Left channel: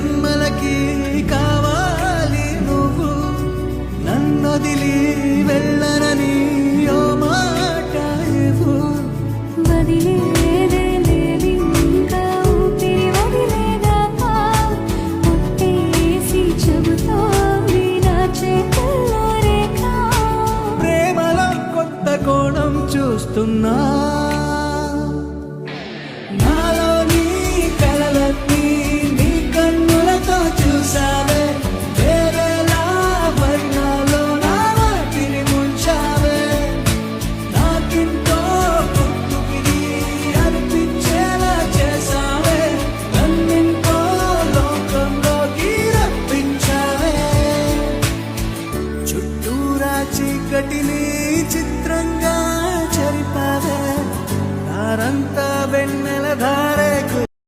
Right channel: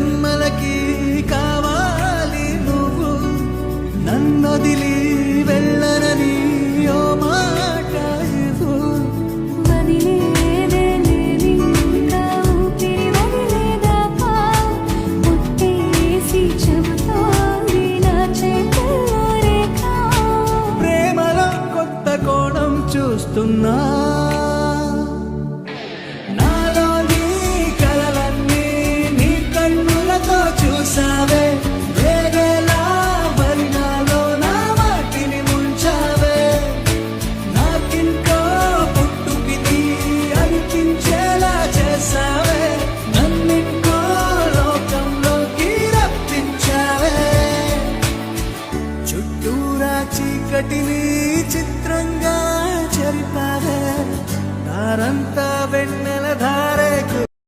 జన్మలకి కావాలి నువ్వు, నన్నొదిలి వెళ్ళనని ఓ మాట ఇవ్వు. వదిలేదే లేదింకా ఊపిరి వదిలేదాకా, ముట్టేసి చెబుతోంది నా చేతుల్లో రేఖ. ప్రేమలో కొత్త కోణం చూస్తున్నా.